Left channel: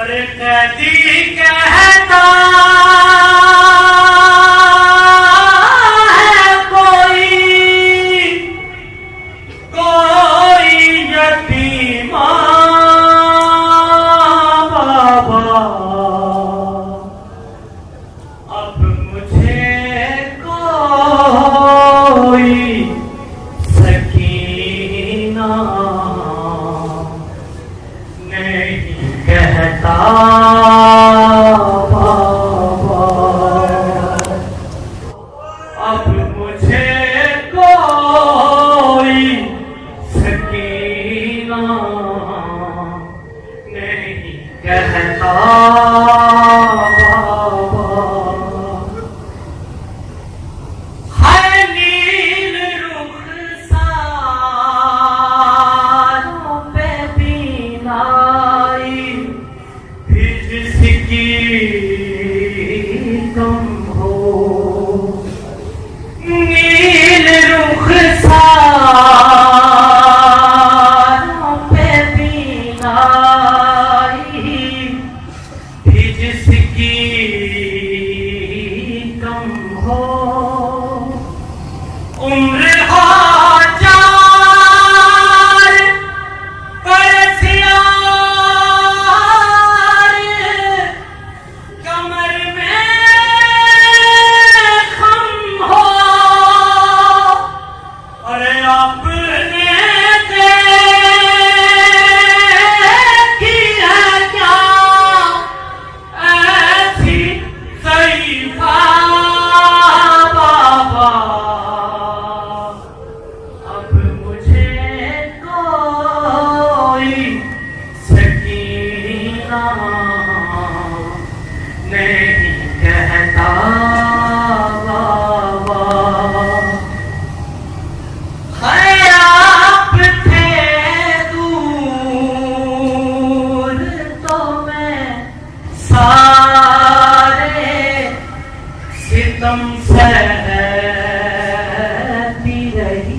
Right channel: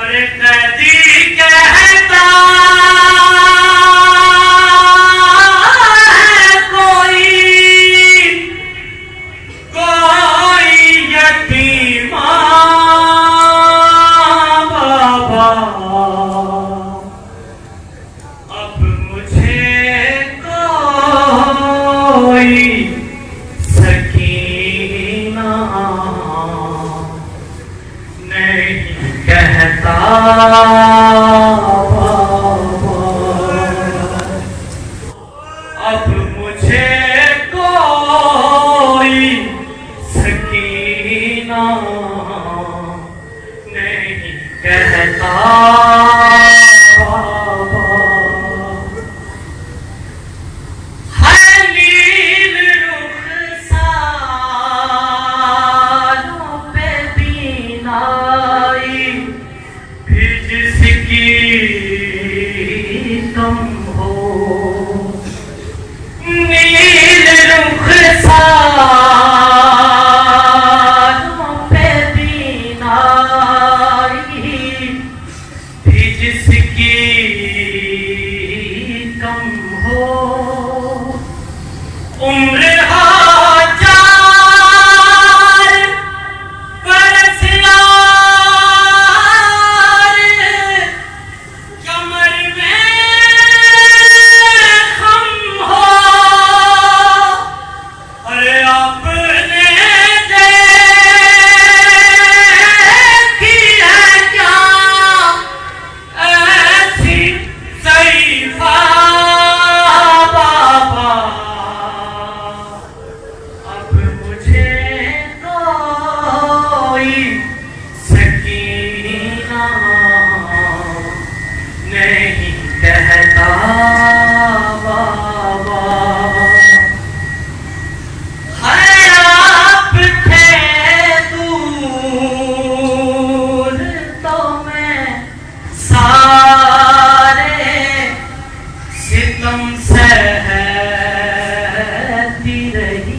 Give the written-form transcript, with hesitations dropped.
अरे कैदी कहता है कोई यतीमा बाबा, अब मुझे कोई सकीना नहीं कहता बाबा, अब मुझे कोई सकीना नहीं कहता बाबा। है नील रुखसारों पे बीनाई भी जिसकी कम हो, नील रुखसारों पे बीनाई भी जिसकी कम हो, उम्र हो 4 बरस यार, कमर में खम हो, अरे आपने देखी है क्या ऐसी ज़ईफ़ा बाबा, अब मुझे कोई सकीना नहीं कहता बाबा। है आप थे दूर तो मैं सारे सितम सहती रही,